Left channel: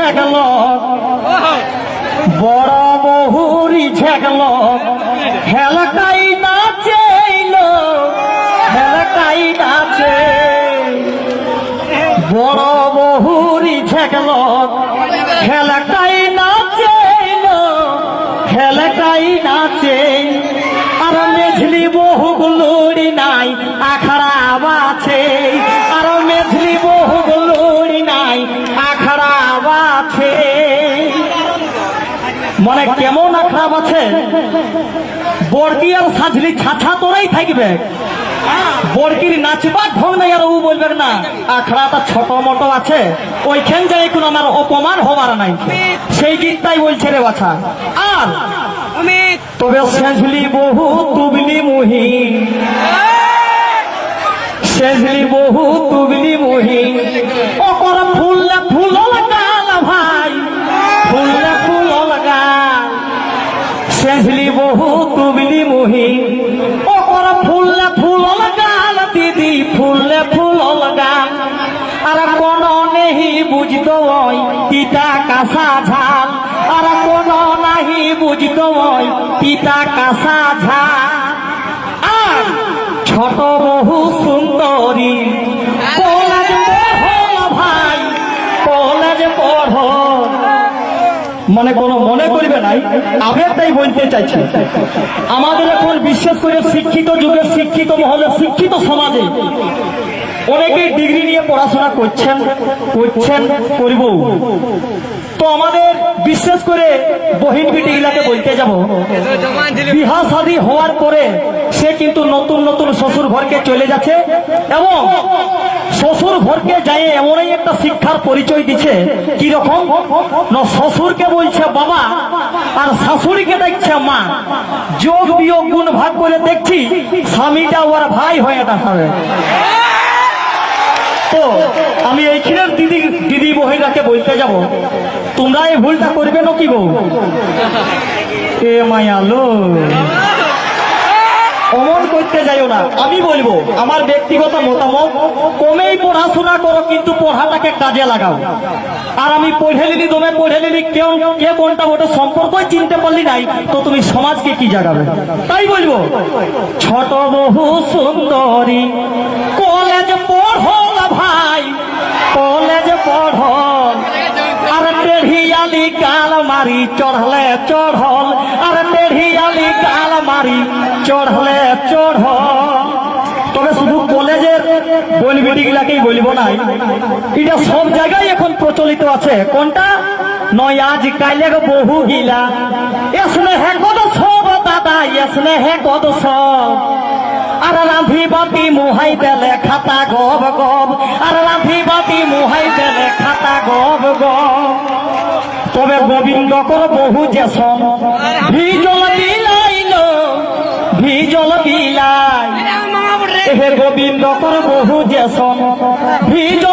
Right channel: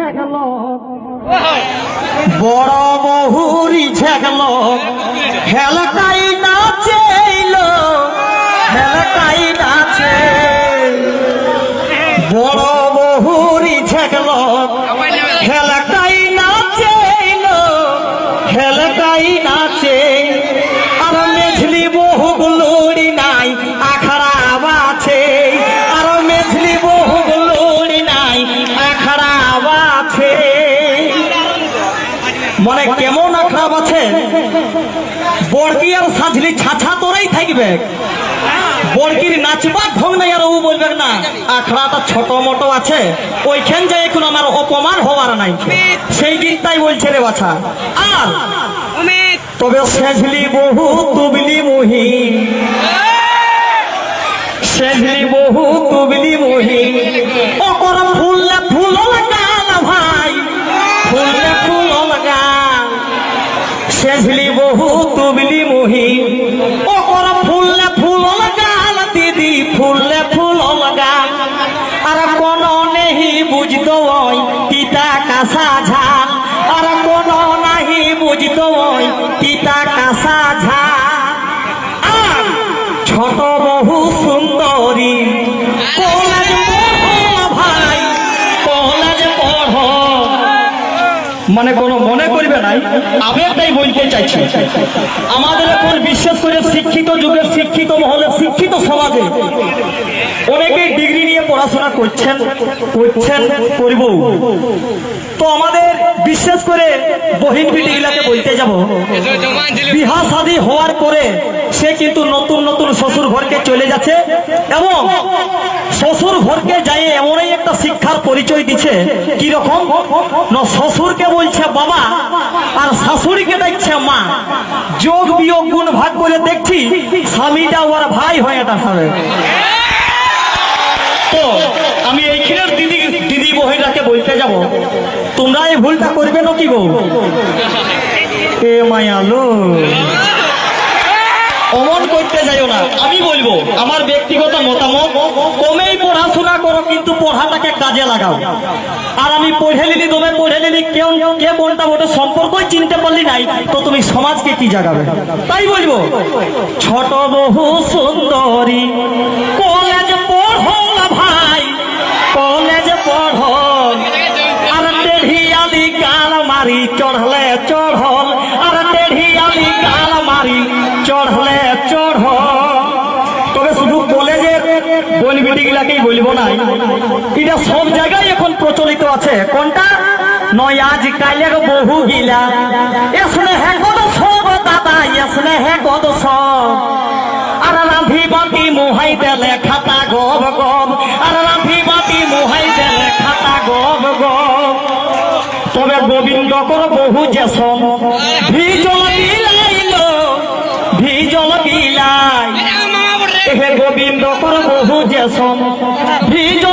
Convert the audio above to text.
ঠেকল, বড় বহুরি ঠেকল, হেলকাই নাচেইল, হেলকাই নাচে। বড় বহুরি ঠেকল, হেলকাই নাচেইল, হেলকাই নাচে। আর মেঝলি বহুগুলোড়ি নাই আখড়া বাছে, আর মেঝলি বহুগুলোড়ি নাই আখড়া বাছে। মানে কেমন আখড়া বাছে? বড়কি আর সাজলি ছাছা তোরাই থাকবে, বড়কির নাচবার ঢং নাই। আর ও বলবে না আখড়াটা ছোট মোটো আছে, ওইখান যে এখন আমার অপমান হবার নাই, সেই দিনটাই বলছে রে বাছা। আর তবে সেঝলি বহু তুবলি মুহি, সেঝলি বহু তুবলি মুহি, ওপর ফুললে ফুল লাগাল ভাই, ফুললে ফুল লাগাল। সেঝলি বহু তুবলি মুহি, ওপর ফুললে ফুল লাগাল দিদি, ফুললে ফুল লাগাল। আর কোন নেহি বুঝতো ওই পিতা কাঁসা ঝাল, আর কোন নাহি বুঝতো ওই পিতা কাঁসা ঝাল। ছোট বহু সুন্দরী কলেজ পড়ো ভাই, কলেজ পড়ো। মানে কোনো মনে করবে নাই, আবেগটাই বলতে চাইছি। আমাদের এখন বিশেষ করে শিক্ষিত যুগের, শিক্ষিত মহলে, শিক্ষিত সমাজে অনেকেই ডিগ্রি নিয়ে পড়াশোনা করছেন, করব। তো আমাদের বিশেষ করে বহিন বিটিগুলাকে বলতে যাব, বিহা শাদী হওয়ার পরে সে কিন্তু নতুন নতুন শ্বশুর ঘরকে চলে যাচ্ছে, এবং শ্বশুর ঘরকে যাই এমনই একটা শিক্ষার পরিচয় দিচ্ছে। কিরকম না, শ্বশুরকে বলছে বাবা আর শাশুড়িকে দেখছে মা। যোগ বিয়োগ গুণ ভাগ করে দেখছি স্বামীটা ওর ভাই হয়ে হবে। তো আমি ওইখানের দিদি বহিরাকে বলতে যাব, তোমরা এই ভুলটা করবে না কি গো? এ মায়ালো, অমন করতে যাইও না। আমি বলবো আমার ব্যক্তিগত মতামত, কমেই পড়াশোনা করো কিন্তু পড়াটাকে কাজে লাগাও। আর আমি পড়ে নিলি, তুমি পড়ে নিলি, কেউ কে কোনটা ওটা সম্পর্কই চিনতে পারলি নাই, তো তুমি সমাজকে কি জাগাবে? তাই বলবো ছোট বহু সুন্দরী কলেজ পড়ো ভাই, কলেজ পড়ো। আর টেढ़িয়ালি গাল মারি চড়লে চড়ল, আর টেढ़িয়ালি গাল মারি চড়লে চড়ল। তবে শুধু কলেজের বলবিটি গুলাকেই বলবো না, এটা সব জায়গায় এখন প্রচলিত আছে। কোনটা নয় আজ কাইলে বহু গিলা, এসলে হে কত সব দাদা, এসলে হে কত সব। আর রাঁধি বাটি মুহাই দেলে খাতা গব গব, আর রাঁধি বাটি মুহাই দেলে খাতা গব গব। তবে গোবিন্দ কর বহু যেসম ভিজল বিলাইল, ভিজল বিলাই। গোবিন্দ কর বহু যেসম ভিজল